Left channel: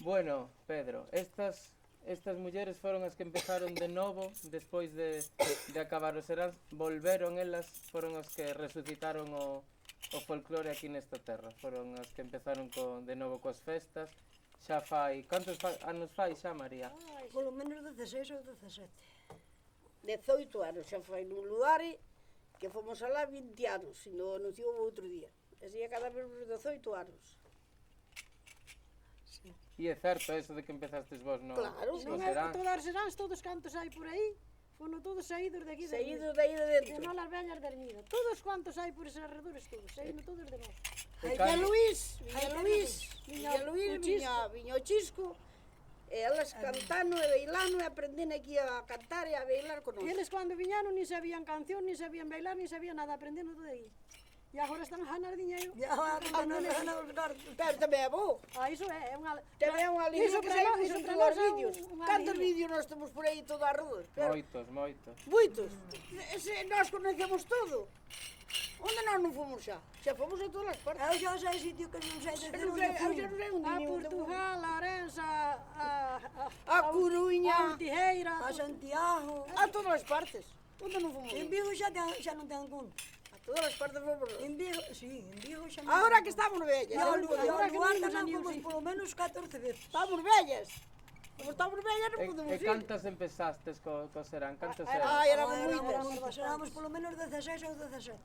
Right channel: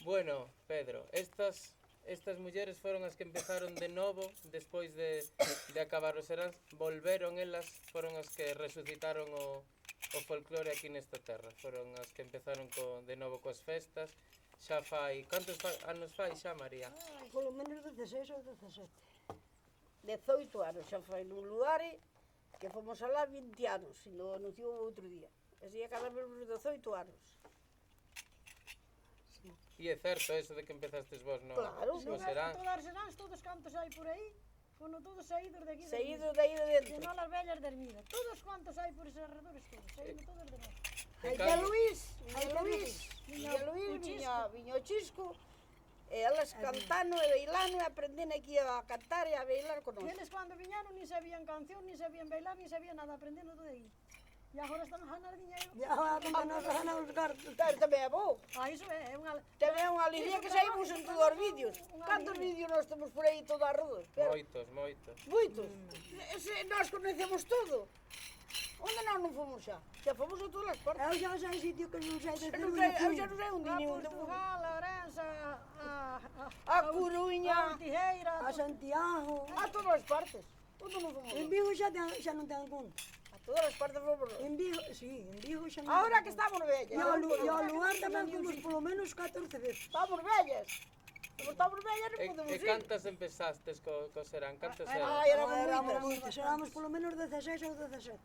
Bueno, Pedro, estas mulleres foron as que empezaron de novo despois de acabar o serán, volveron elas, foron as que resucitaron o folclore aquí nesta terra, foron as que empezaron de novo coas festas. Xa fai, anos fai xa, María? Ai, polo menos 16 ou 17. 18 anos xa foi nun lugar que fomos alá 20 anos, e non anunciou outro día. Así a cada vez 18 anos. Sí. E é certo eso de que empezastes vos no, Claro, no Non é serán? que todas as seráns, todos cantos hai por aí, fono todos saídos de aquí de Saídos de aí de E dentro. non as vellas de Ermido. Todos cuantos hai por eses arredores, todos, saíndo todos de nós. E Viña Luís, Chisco. viña o Chisco, e elas cantando e bailando e aprendendo aquí a cantar e a bailar con E nós. eles cando viñaron ni sabían canción, ni sabían bailar, ni sabían nada, aprendendo todo aí. E agora están a ganar diñeiro. Ya, contanos os cartos. Pero tamén é bo. Ah, iso é unha... Tamén é unha línea Iso que para saímos nós- iso entre para os nós é vídeos. unha Cantos línea. vídeos nós temos por aí toda a rúa? Moitos, moitos. Moitos. Nós conhecemos todo. Onde nós non fomos xa? Xa fomos a todas as partes. Eu xa sei sitio que non sei de Eu non sei, eu xa non sei onde A nin onde fomos. Portugal, a Orense, A Coruña, a Tijeira, a Santiago. a todas as partes. Onde non fomos? En Vigo xa non ten conta. A todas as partes fomos. En Vigo, sí, en Vigo xa non. Ahora que estamos vellas. E ao lugar Ahora que tamén non fomos sabía. polo menos 14 veces. Estamos vellas. Como estamos vellas non podemos E ir. cantas empezastes co serán? Cantas eran? Ai, éramos Éramos moitas. moitas, éramos polo menos 16 ou 17.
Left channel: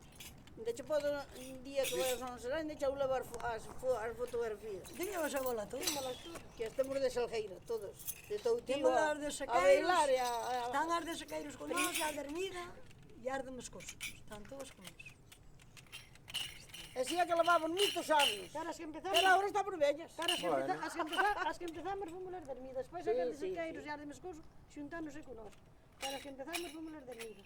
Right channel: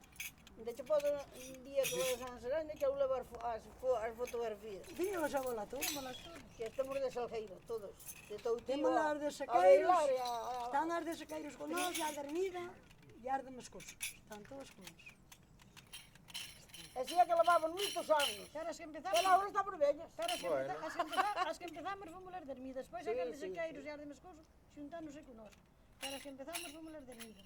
De hecho, podo un día que vayas a non será, de hecho, levar as fotografías. Tiñamos a bola todo. Que estemos de Salgueiro, todos. De Toutío Temos a as de a bailar e Están as de Sequeiros con nós, e as de Ermida, e as de Moscoso. Están todas con nós. Así é que levamos moitos anos. Caras que empezamos... Pero agora estamos vellas. Caras que Bueno. as que empezamos fomos as de Ermida, despois Sí, as de sí, Sequeiros e as de Moscoso xuntándose con nós. Caras que empezamos fomos as de Ermida.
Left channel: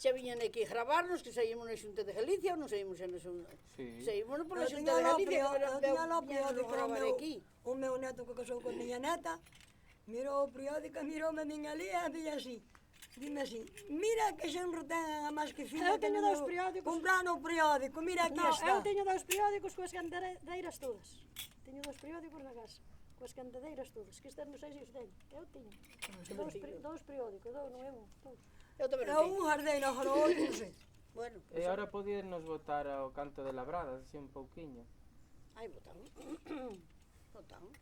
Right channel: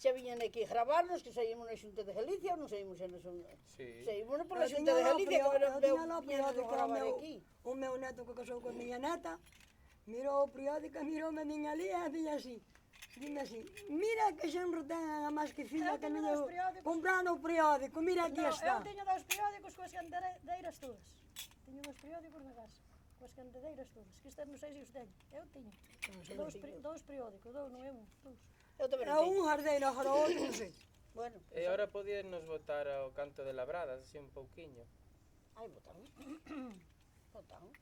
Xa viñan aquí a gravarnos, que saímos na Xunta de Galicia, ou non saímos na Xunta. Sí. Saímos pola Eu Xunta de Galicia, que eu tiña lá o viñan a periódico, gravar aquí. o meu neto que casou con miña neta, mirou o periódico, miroume a miña lía e dime así, mira que xenro ten a máis que fina Eu que teño non dous eu periódicos. comprando o periódico, mira aquí No, está. eu teño dous periódicos coas cantadeiras todas. Teño dous periódicos na casa, coas cantadeiras todas, que estas non sei se os teño. Eu teño. Dous periódicos, dous, non é un, dous. Eu tamén Eu non teño. un jardeiro, agora o outro non sei. Bueno, E agora podíanos botar ao canto de labradas, así un pouquiño. ai, botamos. Botamos.